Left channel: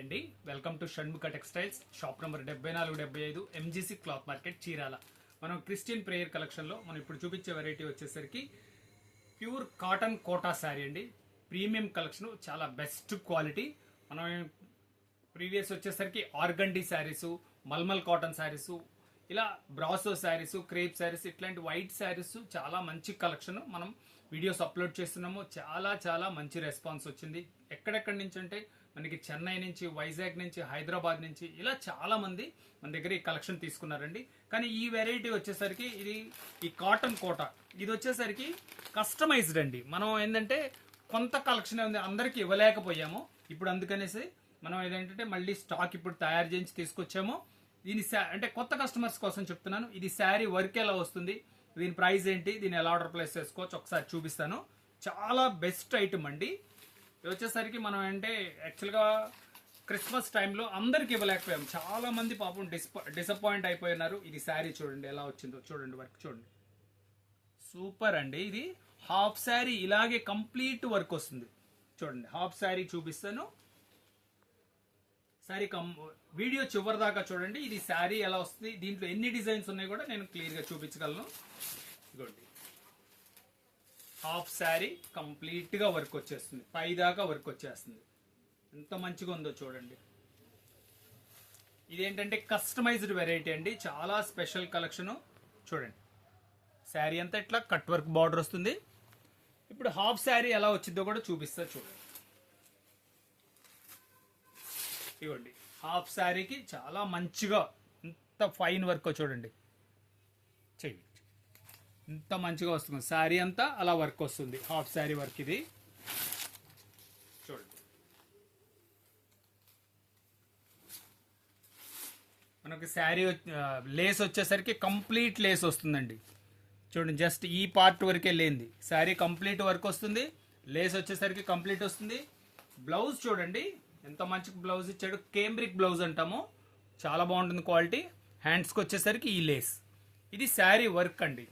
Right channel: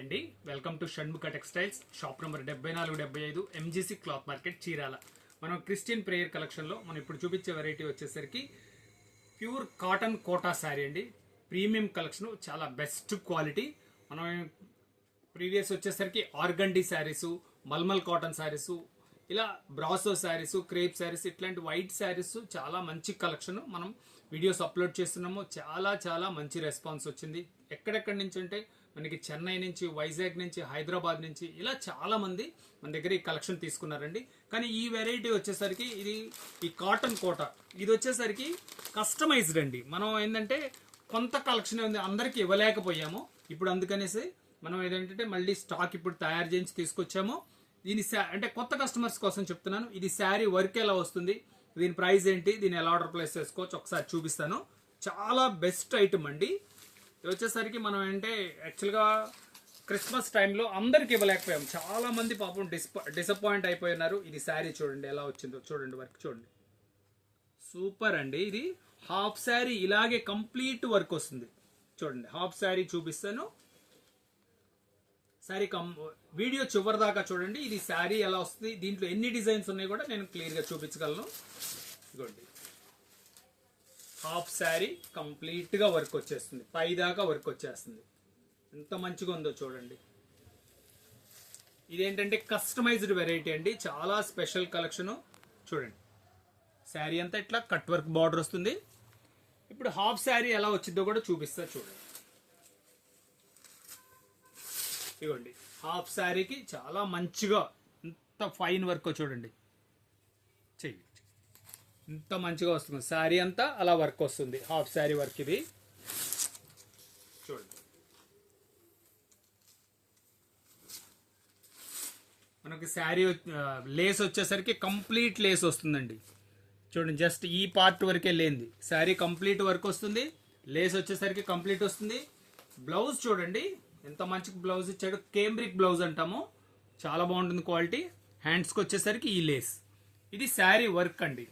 అండి, welcome to Shanmukha textiles. Shop number 7475 MGC cloth market, Chirala. మనం Christian prayer collection లో మనం ఇప్పుడు చూపించే వెరైటీ వచ్చేసరికి ప్యూర్ కాటన్ కోటా శారీ అండి. ప్రీమియం కలెక్షన్, చాలా బెస్ట్ క్వాలిటీ. మనం ప్రీవియస్ వచ్చేసరికి ఆర్గండి శారీస్, మల్మల్ కాటన్ శారీస్, ఇలా బ్రాసో శారీస్, క్రేప్ శారీస్, ఇట్లాంటి వైట్ శారీస్ చాలా మంచి కలెక్షన్ మనం వీడియోస్ అప్లోడ్ చేస్తున్నాము. చాలా చాలా మంచి రెస్పాన్స్ వచ్చింది. ఎక్కడెక్కడి నుంచి అంటే మనకి చెన్నై నుంచి, వైజాగ్ నుంచి, హైదరాబాద్ నుంచి ఇలా చాలా మంది మన దగ్గర ఈ కలెక్షన్ తీసుకున్నారండి. కానీ ఈ వెరైటీ వచ్చేసరికి ఇది ఈ కాటన్ కోట, ఇది వచ్చేసరికి కస్టమైజ్డ్ అండి. మనం ఏంటంటే కొంత కలెక్షన్ ఉంది, అందరికి ఇవ్వలేకపోయాము. ఇప్పుడు అందుకనేసి మనం ఏదంటే మళ్ళీ స్టాక్ ఇప్పుడు తయారు చేయించి తీసుకొచ్చాము. దీని అంటే కొత్త కస్టమర్స్ కోసం చెప్తున్నాను. ఇది శారీ వర్క్ ఎలా వస్తుంది, దీని ప్రైస్ ఏంటి, దీన్ని ఎలా ఆర్డర్ ప్లేస్ చేసుకోవచ్చు ఒకసారి చూపిస్తాను. చాలా బెస్ట్ ఐటమ్ అండి. ఇది వచ్చేసరికి మనం అంటే యాక్చువల్గా క్రిస్మస్ టైంలో అందరికి ఇవ్వలేకపోయాం. చాలా మంది పాపం డిసప్పాయింట్ అయిపోయినారు. ఇది శారీ చూడండి ఎలా వచ్చిందో, చూడండి వర్క్ చూడండి, సూపర్ అండి. ఇది హాఫ్ శారీ ఇలాగే కంప్లీట్ వర్క్ వస్తుంది. చూడండి హాఫ్ శారీ చూపిస్తాను. శారీ వీడియో చివరి దాకా చూడండి. ఇది శారీ ఎలా వస్తుంది, దీంట్లో ఎన్ని డిజైన్స్ ఉన్నాయి కూడా నేను క్లియర్ గా చూపించగలను. ఇదిగోండి హాఫ్ శారీ కంప్లీట్ గా వర్క్ వచ్చేస్తుంది, పై దాకా వర్క్ వచ్చేస్తుంది. ఎంత మంచిగా ఉందో చూడండి. ఇదేంటంటే కస్టమైజ్డ్ వెరైటీ అండి, చాలా స్పెషల్ కలెక్షన్. చూడండి శారీ అంతా ఇట్లా కట్ వర్క్ బార్డర్ వస్తుంది. ఇప్పుడు హాఫ్ శారీ ఎలా వచ్చిందో కూడా చూపిస్తా చూడండి. ఇవ్వండి హాఫ్ శారీకి చాలా మంచిగా ఇంత ఫైన్ వర్క్ చూడండి, చెయ్యి ఇంత మంచిగా వస్తుంది. శారీ అంతా అలా వర్క్ వస్తుంది, హాఫ్ శారీ వర్క్ ఇది. చూడండి మనకి శారీ లేస్ వచ్చేసరికి కంప్లీట్ లేస్ వస్తుందండి. చూడండి జస్ట్ ఈ పార్ట్ వరకే లేనిది, శారీ కంప్లీట్ వర్క్ వస్తుంది. లేస్ వచ్చేసరికి కంప్లీట్ వస్తుంది. బ్లౌజ్ చూడండి ఎంత మంచి బ్లౌజ్ ఇచ్చాడు, కేంబ్రిక్ బ్లౌజ్ అంటాము, చాలా బాగుంటుంది క్వాలిటీ. హ్యాండ్స్కి వచ్చేసరికి ఈ లేస్. ఇది శారీ వర్క్ అండి.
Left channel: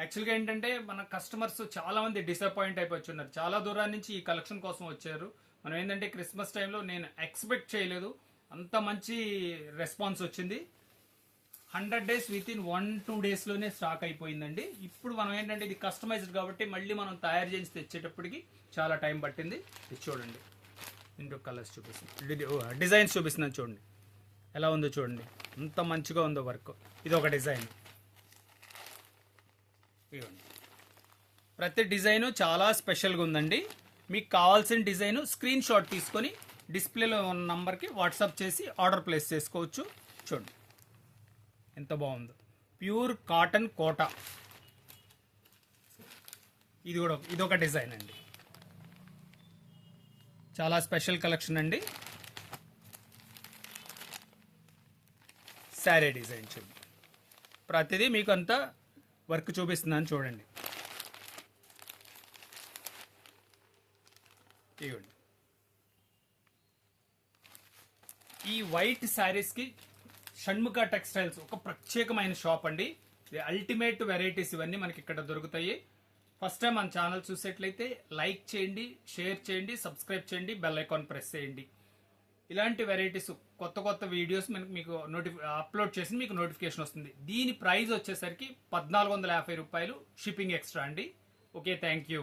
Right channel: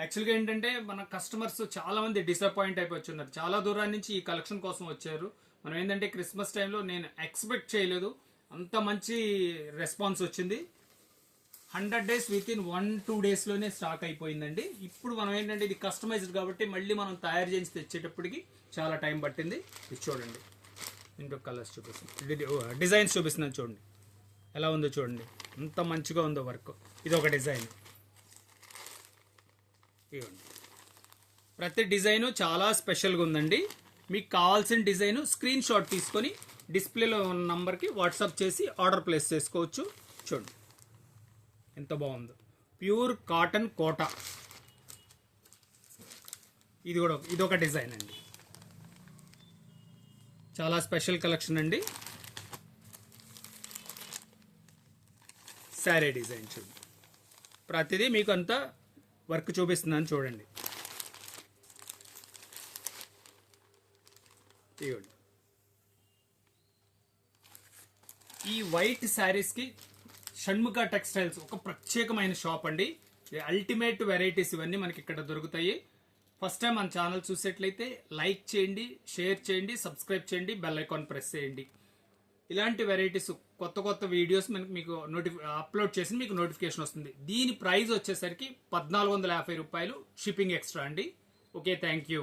యాక్చువల్గా ఏంటంటే మన కస్టమర్స్ చాలా మంది డిసప్పాయింట్ అయిపోతున్నారు. చాలా దూరం నుంచి ఈ కలెక్షన్ కోసం వచ్చారు. మనం ఏంటంటే క్రిస్మస్ టైంలో నేను ఎక్స్పెక్ట్ చేయలేదు, అంత మంచి రెస్పాన్స్ వచ్చింది. 100 days విత్ ఇన్ 1-2 days లోనే స్టాక్ అయిపోయిందండి. ఇప్పుడు మనం ఏంటంటే ఇది కస్టమైజ్డ్ కాబట్టి మళ్ళీ మనం తయారు చేసి తెచ్చేటప్పటికి చాలా టైం పట్టింది. ఇది చూడండి, ఇంకో కలర్స్ చూపిస్తున్నాను, డిజైన్స్ చూపిస్తున్నాను. చూడండి ఎలా ఉందో చూడండి, ఎంత మంచిగా ఉందో వర్క్. ఇది ఒక డిజైన్. ఇవ్వండి ప్రతి డిజైన్ చాలా స్పెషల్గా ఉందండి. మీకు కావాల్సిన డిజైన్ స్క్రీన్ షాట్ తీసుకొని డిస్ప్లేలో ఉన్న నంబర్కి వాట్సాప్ చేసి ఆర్డర్ ప్లేస్ చేసుకోవచ్చు. చూడండి ఎంత బాగుందో, ప్యూర్ కాటన్ కోట. ఇదొక డిజైన్ అండి, చాలా స్పెషల్ కలెక్షన్ అండి. శారీ డిజైన్ చూడండి, ప్రతిదీ మీకు అంతా వర్క్ చూపిస్తున్నాను చూడండి. ఇవ్వండి ఈ వైట్ శారీస్కి షణ్ముఖ టెక్స్టైల్స్ ఒక ప్రత్యేకమైన షాప్ అండి. అల్టిమేట్ వెరైటీస్ ఇవన్నీ మనకి ఇక్కడ దొరుకుతాయి. ఫస్ట్ టైం మన ఛానల్ చూసేట్లయితే లైక్ చేయండి, షేర్ చేయండి, సబ్స్క్రైబ్ చేయండి, బెల్ ఐకాన్ ప్రెస్ చేయండి. ఇలాంటి వెరైటీస్ కొత్త కొత్త వీడియోస్ మీకు అప్లోడ్ చేసి మీకు నోటిఫికేషన్ వస్తుంది. దీని ప్రైస్ వచ్చేసరికి 1450 రూపాయలు, షిప్పింగ్ ఎక్స్ట్రా అండి. Okay, thank you.